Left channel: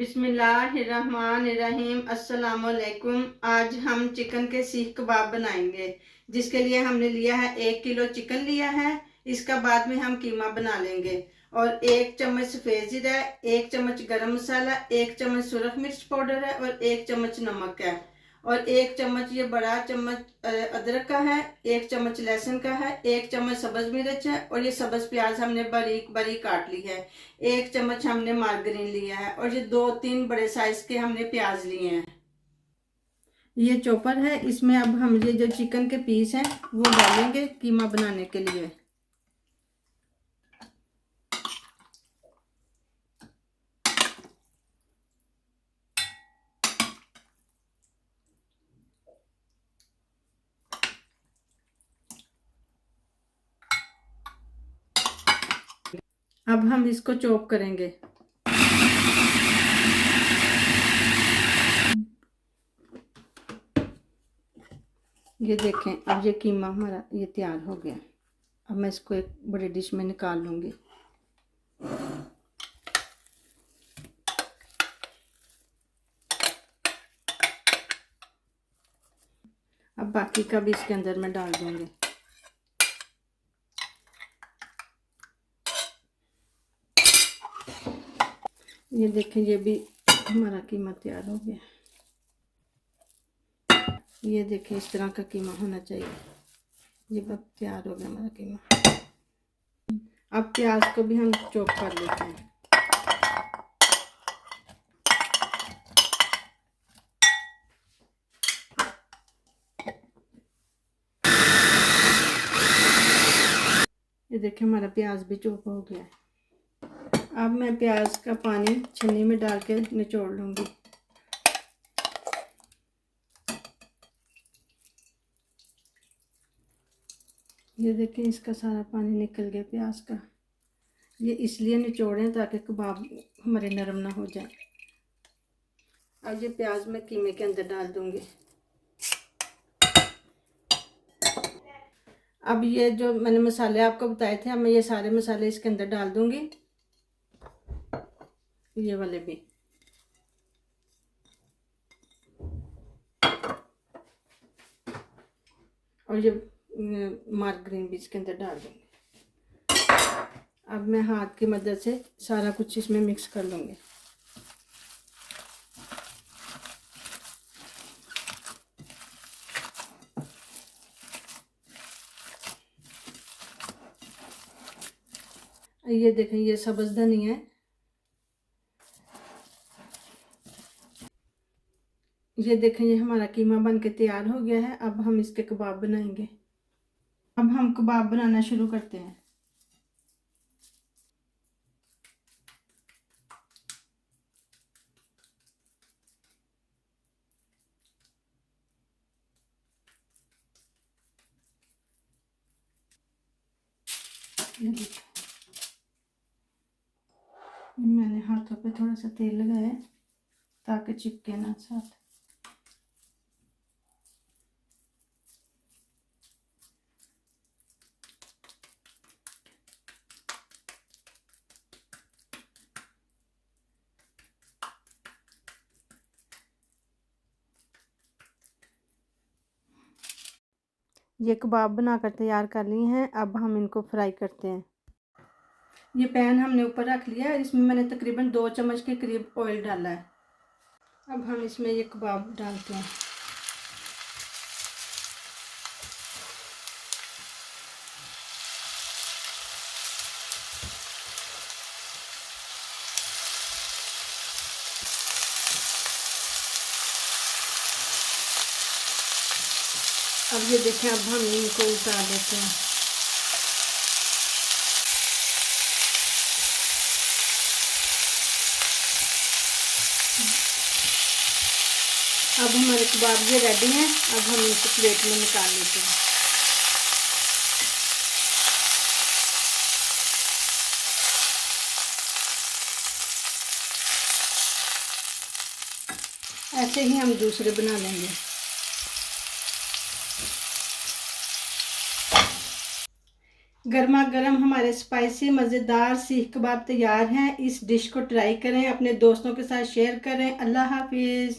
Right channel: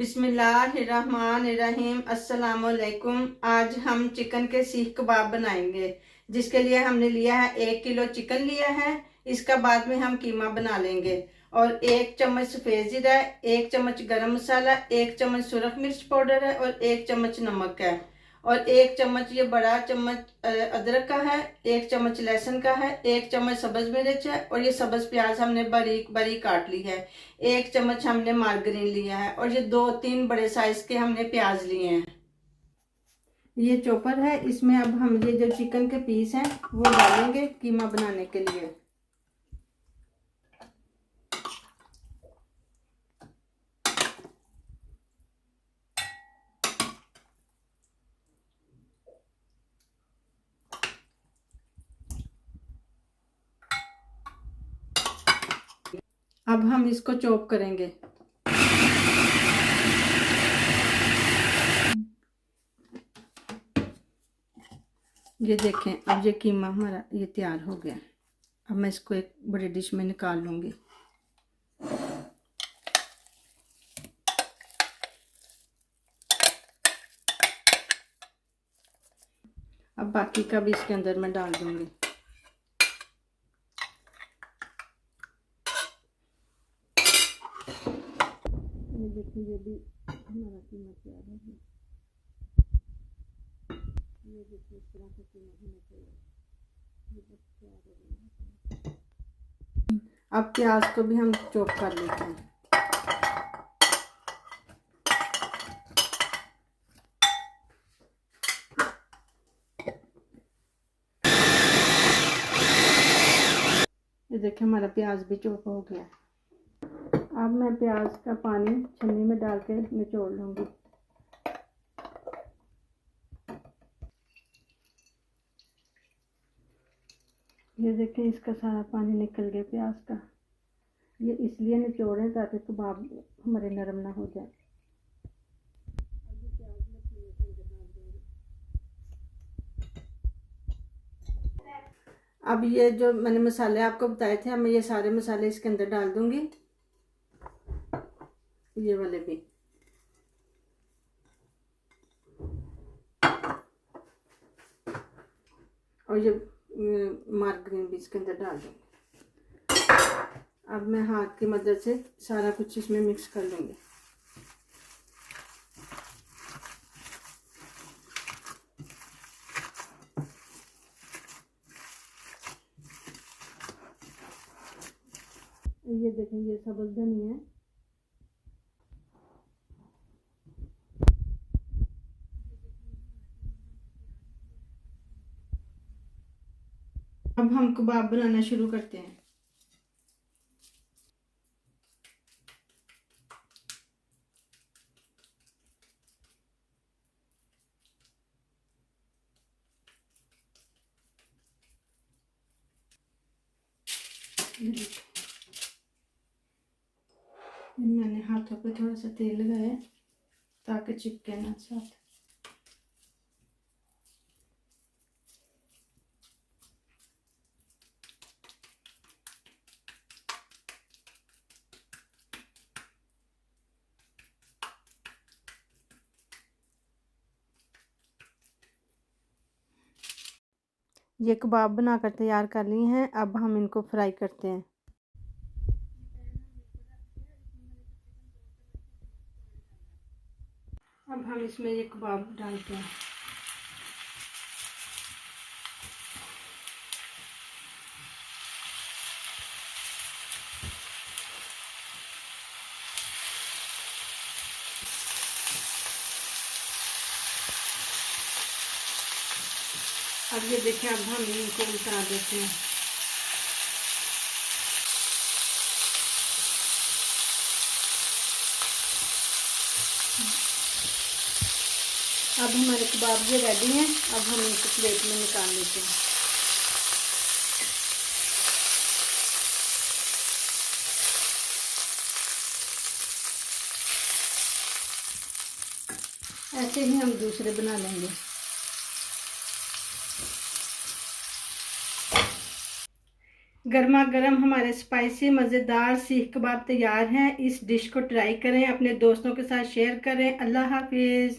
बिस्मिल्लाहिर्रहमानिर्रहीम। अस्सलाम वालेकुम। आज हम चिकन के सीख कबाब बनाएंगे, जिसके लिए हमने लिया है 1 किलो चिकन लिया है। इसका बाद में हम कीमा बना लेंगे। और 1 चम्मच सफ़ेद जीरा है, 1 चम्मच गरम मसाला, 1 चम्मच सुरख मिर्च पाउडर है और 1 चम्मच नमक है। और 1 चम्मच ये बड़ा चम्मच अदरक का है, 1 चम्मच लहसुन का है, 1 चम्मच सब्ज मिर्च है और ये सब्ज प्याज हमने बारीक बारीक काट ली है। 1 चम्मच हमने मार्गरीन लिया है और ये 2-3 बड़े साइज के हमने प्याज लिए हैं। ये चॉपर है, इसमें अब हम ये जो चिकन के पीस हैं वो डालेंगे कीमा बनाने के लिए। अब हम इसको चॉप करेंगे। ये देखें, अब ये कीमा हमारा ये तैयार हो गया। अब मैं इसको एक बड़ी डिश में निकाल लूँगी। अब बाकी का भी इसके अंदर मैं डाल दूँगी। ये देखें, ये भी हमारा कीमा तैयार हो गया। ये देखें, इस तरह का कीमा होना चाहिए। ये अब तैयार हो गया हमारा कीमा। अब प्याज को भी हम चॉप कर लेते हैं। ये देखें, हमारा प्याज भी चॉप हो गया। अब मैं प्याज का पानी छन्नी में डाल के निचोड़ लूँगी। ये देखें, इसका सारा पानी निकल गया प्याज का। ये इसलिए निचोड़ें ताकि कबाब हमारे नरम ना हो जाए। अब ये प्याज मैं कीमे के अंदर डाल दूँगी। अब ये जो मैंने मसाले आपको बताए थे, अब मैं ये सारे मसाले इसके अंदर डाल दूँगी। ये वाले भी। और ये मार्गरीन भी इसके अंदर डाल दूँगी। अब मैं हाथ की मदद से सारा कुछ इसमें मिक्स कर लूँगी। ये देखें, ये सब्ज़ धनिया है। ये देखें, ये हमारा कीमा बन के तैयार हो गया है। अब हम इसके कबाब बनाएंगे। अब हम कबाब बनाना शुरू करते हैं। मैंने हाथों पे थोड़ा सा तेल लगाया ताकि चिपके ना साथ। ये कबाब बनाकर तैयार कर लिए हैं। अब हम इनको फ्राई करते हैं। ये पैन हमने ऊपर रख लिया है। इसमें मैंने तकरीबन 2 चम्मच के करीब ऑयल डाला है। अब हम इसमें ये कबाब डालते हैं। अब ये देखें, अब हम इनको उतार देते हैं। अब हमारे कबाब ये रेडी हैं। अब हम इनको प्लेट में निकाल लेते हैं। ऐसे ही हम दूसरे बना लेंगे। गर्मा गर्म हमारे स्पाइसी मज़ेदार सीख कबाब तैयार हैं। इस डिश को ट्राई करें, अपने दोस्तों के साथ शेयर करें। अल्लाह हाफिज़।